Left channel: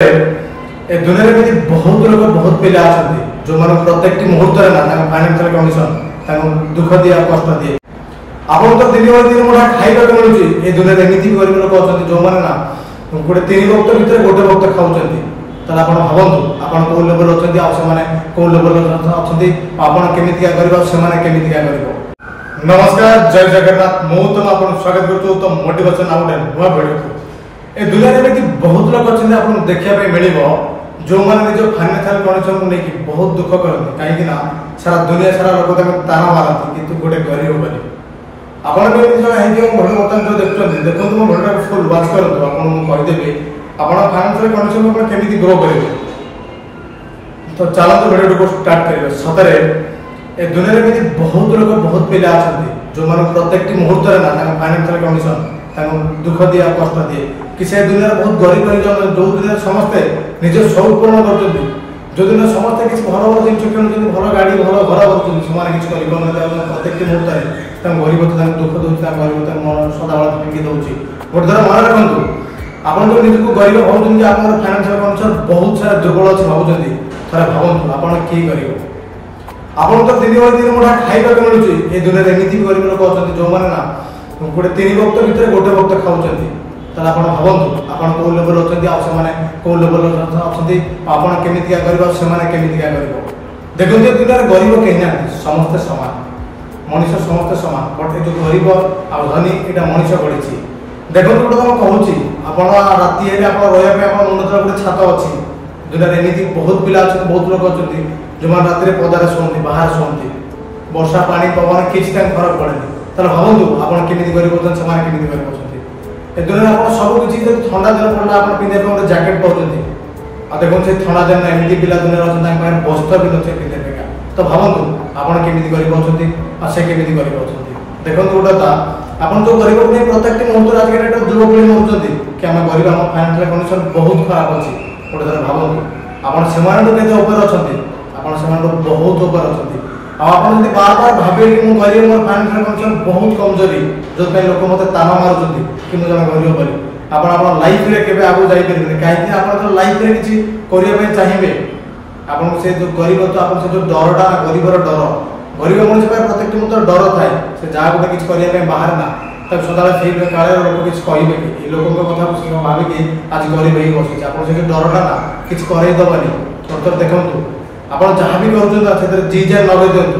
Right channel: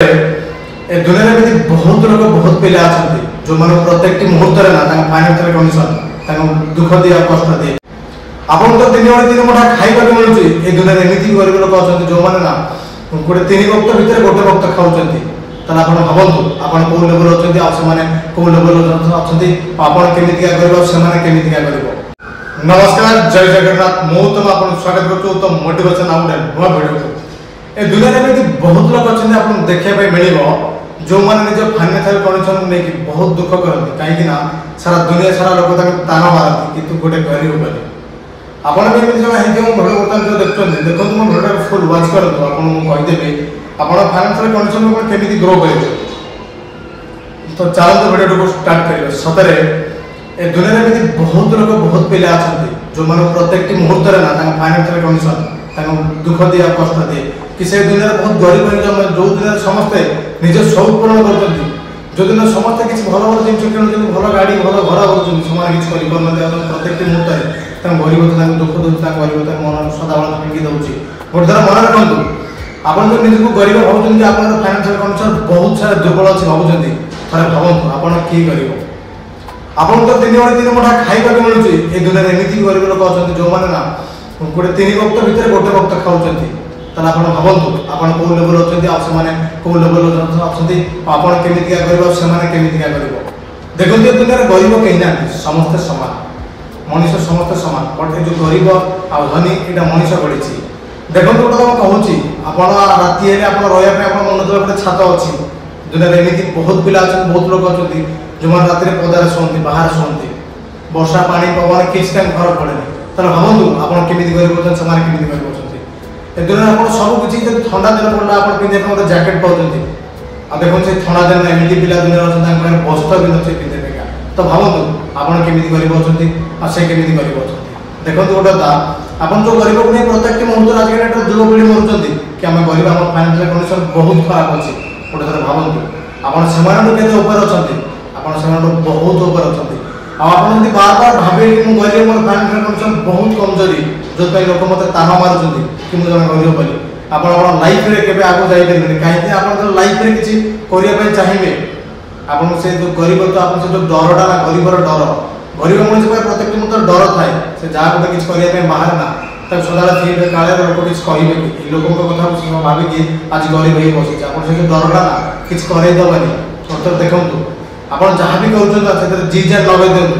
ए दुनिया में बहुत लोग बहुत पिला जो मान प्रत्येक मुहूर्त ना फाइनान्शियल कंडीशन दुख दिए कष्ट दिए आपन दिन बेले दिन मुठा खाइबा मिलूँ ये दुनिया एमती गरीब लोक अच्छा जो मैंने ना गोटे 3 वक्त भितर गोटे वक्त खाऊँ ताला आपण भावतु आपण कौ लेवल अच्छा से कौ लेवल अच्छा केमिका कर नमस्कार जय जगन्नाथ मु तुम आप स्वागत करूँ तो मोटिवेशन आउट नुआ भिडियो ए दुनिया में बहुत लोग अच्छे आपको देखा मिल जो मैंने निज फाइनान्शियल कंडीशन को लेकिन बहुत दुख करती कहीं सारा दुनिया सारा लोग ताना मारती कि गोटे गरीब बनी आपड़ भी एमती जगह भिडियो बर्तमान जो देखते देखो मो भिडियो फुल वाच करूँ आपको कहीदेवी आप फाइनान्शियल कंडीशन को केमी ग्रो करेंगे तो चलते भिडियो को स्टार्ट करेंगे सतरे ए दुनिया में बहुत लोग बहुत पिला अच्छा जो मान प्रत्येक मुहूर्त ना फाइनान्शियल कंडीशन दुख दिए कष्ट दिए कि से दुनिया बहुत गरीब जो दुनिया समस्ते निज शौक पूरण कर जो दिन समस्ते किसी भल भल जिन किणुच्च भल गाड़ी भल घर कर प्रत्येक मुहूर्त गरीब दुख दूसरी गरीब मन सदाबल भांगी दूसरी गोटे थर मन रखु आप निजक गरीब भावुँ कि आप फाइनान्शियल कंडीशन बहुत सारा दुर्बल अच्छे भावुं थे भावतु आप किए गरीब आपन दिन बेले दिन मुठा खाइबा मिलूँ ये दुनिया एमती गरीब लोक अच्छा जो मैंने ना गोटे 3 वक्त भितर गोटे वक्त खाऊँ ताला आपण भावतु आपण कौ लेवल अच्छा से कौ लेवल अच्छा आप केमिका कर देखो दुनिया गरीब कहीं ना समस्ते सामान मनीष समस्ते सामान बट ये जो गरीब आ धनी यहाँ मनीष गढ़ी देखो गोटे तुम कहूँ आप राति आप रहा मन गोटे छात अच्छी दुनिया एमती बहुत पिला अच्छा बहुत लोग अच्छा जो मैंने रात पदार शुंती बाहर शुंती वर्षा पानी पवन किसी टाइम फरक पड़े ताहले भावतु आपड़ केमी गरीब अच्छा से केमी गरीब अच्छा ए दुनिया आप सब किसी ठंडा दिन पड़ा आप पिंधे गोटे जैकेट पाँच आ देखो से ठंडा दिन एमती पिला दुनिया अच्छा वस्त्र भी नए पिंधे तो भावतु आपड़ केमी गरीब अच्छा से केमी गरीब अच्छा देखो गोटे आप जो गरीब को नहीं प्रत्येक मुहूर्त आज युवपीढ़ी मरुँच कि आम गरीब आम फाइनान्शियल कंडीशन बहुत खराब अच्छी गोटे थर भावतु आपड़ से अच्छा बहुत ऊपर अच्छा आप बार बार भावे कि मुझे गरीब मोर फाइनान्शियल कंडीशन बहुत कमजोरी जो लोक मत ताना मारूँ कि मुझे गरीब बोली आप लाइफ में आगे जापर कहीं आप लाइफ में किसी करने चाहिए आपन से जो गरीब तो आप जो डरटा ना गरीबर डर गरीब मनुष्य प्रत्येक मुहूर्त डर थाए से जहाँ गोटे किसी करने बाहर ना तक सदा ठीक काले लोक किसी कहे कि लोकों कथा भाविकी आज गरीब ही बसी आप डरटा ना किसी करदेवनी तो देखूँ आप जहाँ भी कर जी जार लगे दिंतु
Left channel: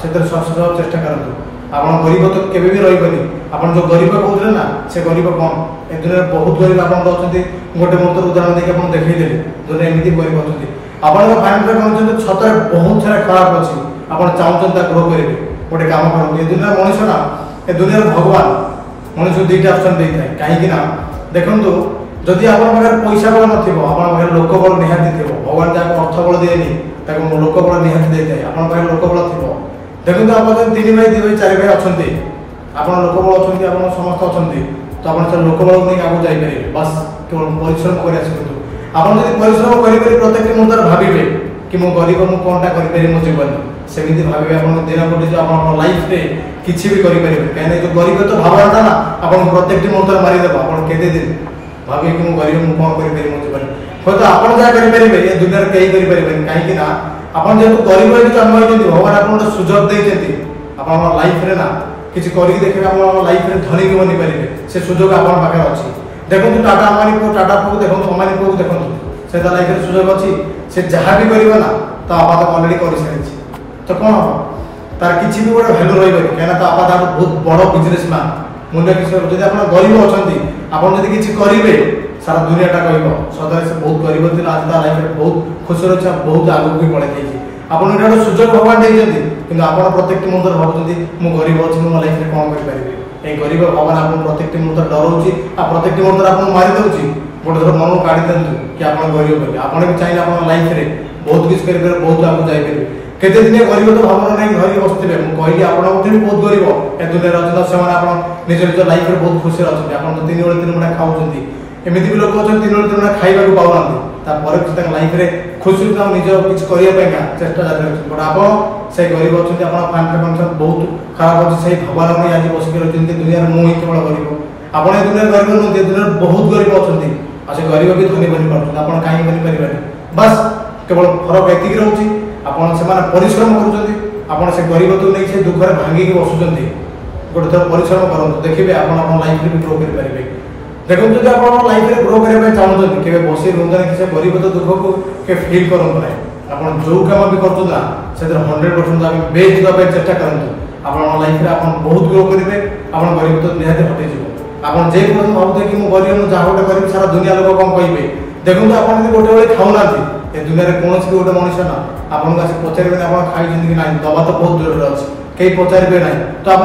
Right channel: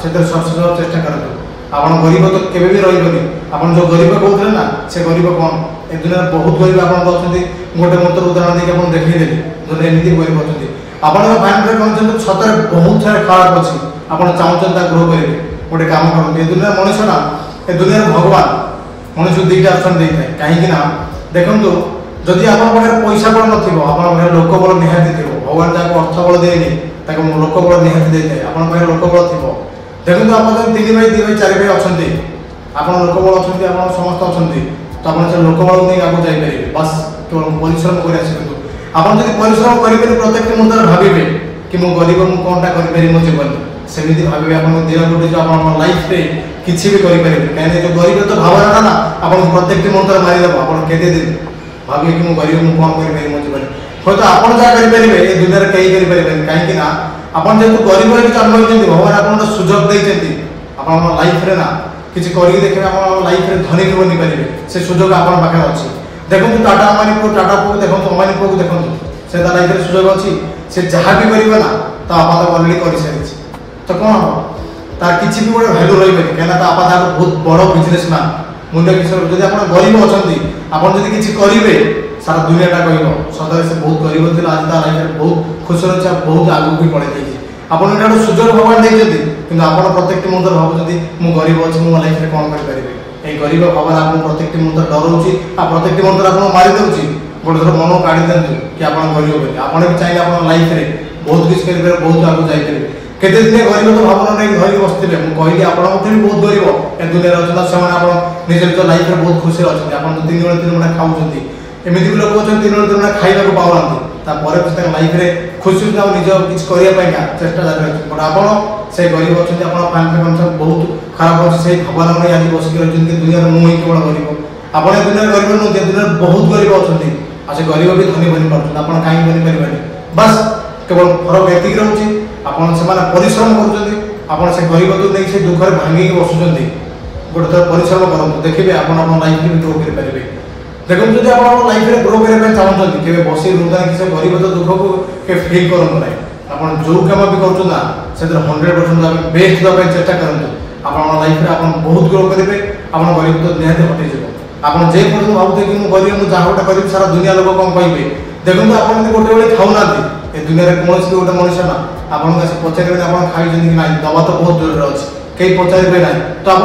से चेष्टा करूँ आप गरीब तो केवे भी रही आप जो गरीब कहते ना से गरीब कौन ए दुनिया बहुत गरीब आप गोटे मुहूर्त उदाहरण देखिए आप देखईदेली जो एमती गरीब अच्छा आप फाइनान्शियल कंडीशन सतरे बहुत सारा खराब अच्छी आप चाहते ग्रो करेंगे गोटे कम करूँ ए दुनिया मनीष ना ए दुनिया भगवान मनुष्य दुईटा ऑप्शन देता है कहीं देखूँ जदि आप पैसा बल न लोक बल निहाती थी भगवान जहाँ अर्थ बल दिए लोक बल निहाती देता है आप लोक बल थी देखो आप 3 भाई 2 भाई 4 भाई अच्छा आप लोक बल अच्छा आप समस्त अच्छा तो आप लोक बल नहीं आगे जापर बस केवल परिश्रम कर आप परिश्रम करेंगे प्रत्येक मुहूर्त भावे कि मो गरीब मुझे कौनटा करें मो जीवन सेमती भावे आप दिन गोटे जो आप लाइफ में किसी भी करेंगे कहीं जो गरीब तो भावना ना आप प्रत्येक मुहूर्त मारिदेव आप केते दिन भावे कि मुझे गरीब मुझे कौन करें मो जीवन हूँ तो आप जहाँ करेंगे ये दुनिया कहीं करें कहीं आप जेहतु गरीब हो जन्म होती भगवान आपको सुजोग देते आप लाइफ रे ना किसी करके देखिए आप लाइफ में धनी भी बनी पारे से सुजोग आप पाखे अच्छी देखो टाटा अंबानी पुओ टाटा पुओ देखो अंबानी पुओ देखो से लाइफ में सुजोग अच्छी से जहाँ भी कर तो आपा तो अलरेडी कर सारी तो कौन हम तार किसी भी गोटे भैल्यू रही कहीं आपा तो बहुत बड़ बिजनेसमैन मूल्य किशोर जब आप गरीब अच्छा आप किसी करेंगे सारा दुनियाटा कह सदा से बहुत गरीब थी आज लाइफ में बहुत खुशी अच्छे बहुत आगे भी पड़े जाइए आपड़ गोटे सुजोग भगवान देखते कि आप प्रत्येक मुहूर्त भावुँ मो गरीब अच्छी मो लाइफ में कौन करेंगे ये गरीब भावना आपको प्रत्येक मुहूर्त डराऊँगी प्रत्येक मुहूर्त आपको मारिदे गोटे थर मन काढ़ी दिंतु कि आप गरीब बोली आप भी चाहिए आप लाइफ में बहुत किसी करेंगे बहुत आगे जापर केते दिन गरीब तो भावना नहीं धरिक बसते मुझे कहली आपंठ भी बहुत गरीब ए दुनिया अच्छा से निज निज लाइफ में बहुत खुशी अच्छा आप 3 बेले 3 मुठा खाऊँ एमती भी लोग अच्छा 3 बेले 3 मुठा खाइबा पाऊना लाइफ में खुशी निज किसी करने चेष्टा जारी बट आप से गरीब अच्छा आप फाइनान्शियल कंडीशन बहुत खराब अच्छे से भावना नहीं आज बसिक रही दुनिया मुझे केवल गरीब आप दुनिया गरीब नुहत दुनिया बहुत गरीब अच्छा आज गरीब भी धनी बनी पार्टी आप कहीं बनी पारे बस केवल फरक एति रोचे आपने परिश्रम कर गरीब तो नहीं से दुख भांगिक बसुँच गोटे थर परिश्रम करूँ देखिए आप लाइफ भी ग्रो करेंगे देखो जब आप लाइफ में ग्रो करने चाहते केवे बसी रुहता कि से गरीब तो दुख को फिल करूँ ना आप जो कम भी कर 100% बेस्ट देवाई चेष्टा करूँ आप लाइफ में आप बहुत ग्रो करेंगे आप गरीब तो निहत हटेज आप जेपर्यंत भावुए कि मुझे गरीब मुझे जहाँ गोटे करी सारा दुनिया लोग कौन कहे देखो आप गोटे बेले खाऊना ए दुनिया कौन भी गोटे मनुष्य ना आपको आस पचारे आप खाई कि ना दवा तो बहुत दूर अच्छे कई पचारे ना तो आप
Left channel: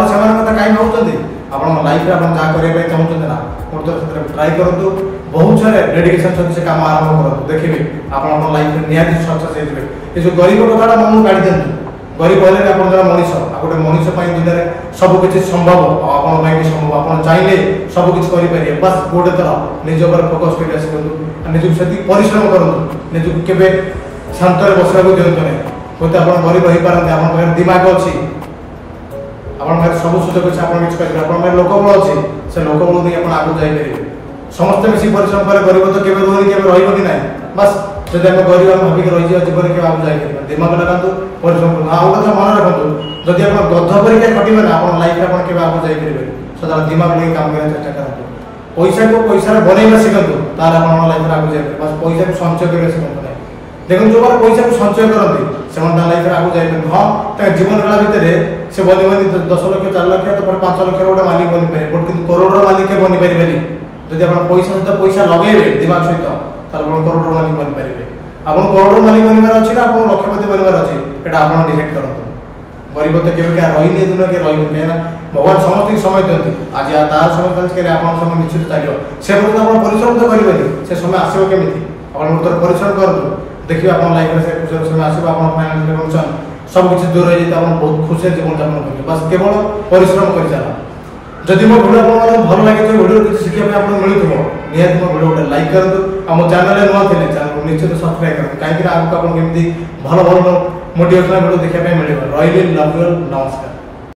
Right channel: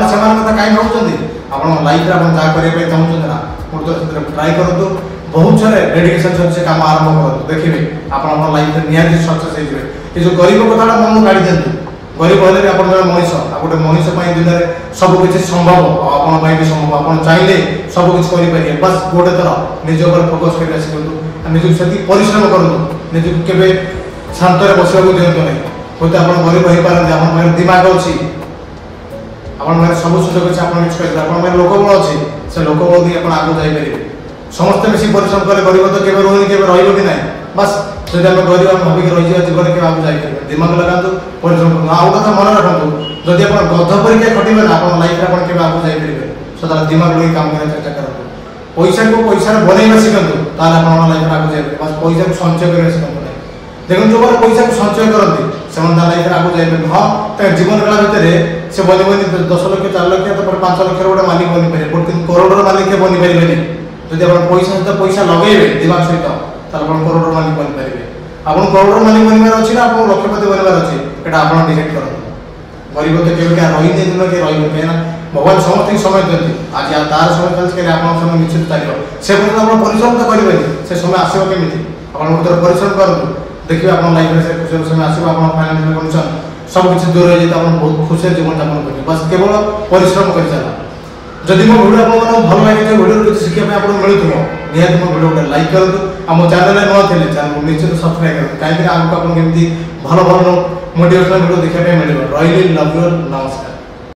कहीं भावुं आप लाइफ में आप जहाँ करने चाहते ना गोटे ट्राए करूँ बहुत सारे डेडिकेशन सहित से कम आरंभ करूँ देखिए आप लाइफ में निहाती सक्सेस हो ये जो गरीब कथा मन काढ़ी दिखाँ गरीब हेल्ले आप मनीष आ गोटे मनीष दुनिया में सबकि संभव आप भी संभव आप चाहिए सबकि करेंगे बस गोटे थर निज पर फोकस कर शिखु निजी से परिश्रम करूँ निजी के शांत बसवा दिखते नहीं हूँ आप गरीब हो पारती आप दिमाग अच्छी आप सब सुजोग अच्छे आप करेंगे लोकबल अच्छी से लोकबल भी आप आगे जापर समस्ते मिसी परिश्रम करें गरीब तो केवे रुहनी के रही कि ना बस जब आम गरीब आम भाविक रही जीवन के आगे जापर दिमाग लगातु परिश्रम करूँ आउ कथा मन रखु जदि आप गध परीक्षा खटे ना आप लाइफ में आप आगे जापर सदा दिमाग लगे काम करने चेष्टा करूँ पैसा को पैसा बनइबा शिखु ताल आप लाइफ में आगे जापर बस पैसा को संचय करने शिखु ना देखो जो मैंने पैसा को संचय करती से लाइफ में आगे जापर हाँ जीवन काल भितर से बनी बनी 10 लाख 4 लाख तो 5 लाख गोटे मालिक बनी पारे कि करोड़ मालिक बनी पारे जब आप पैसा सहित पैसा लगे दिमाग सहित आप करोड़ मालिक बनी पारे आप करोड़ मालिक बनवार अच्छी ना आप लक्षपति बनवार अच्छी यहाँ आप डिसाइड करूँ गरीब तो केवल क्या रही नहीं दुनिया किए रही कहीं भगवान समस्त समय दिखती आज तार समय चलती आप समय निश्चित चलो से पर्यटन आप परिश्रम तो करेंगे से समय आसो केमी आप गोटे परिश्रम करूँ देखिए आप लाइफ में से खुशी समय आसो आप फाइनान्शियल कंडीशन सब किसी दूर हो जाए आप बहुत खुशी जीवन यापन करेंगे बस केवल परिश्रम कर चल जदि मो भिडियो आपको भल लगे भिडियो शिक्षा आपको मिलूव निहत मो भिडियो गोटे लाइक करूँ आम चैनल नुआ थे चैनल को निश्चित सब्सक्राइब करूँ कहीं आगे आपको केमती भल भल मोटिवेशनल भिडियो देखा मिले रही लव यू नमस्कार।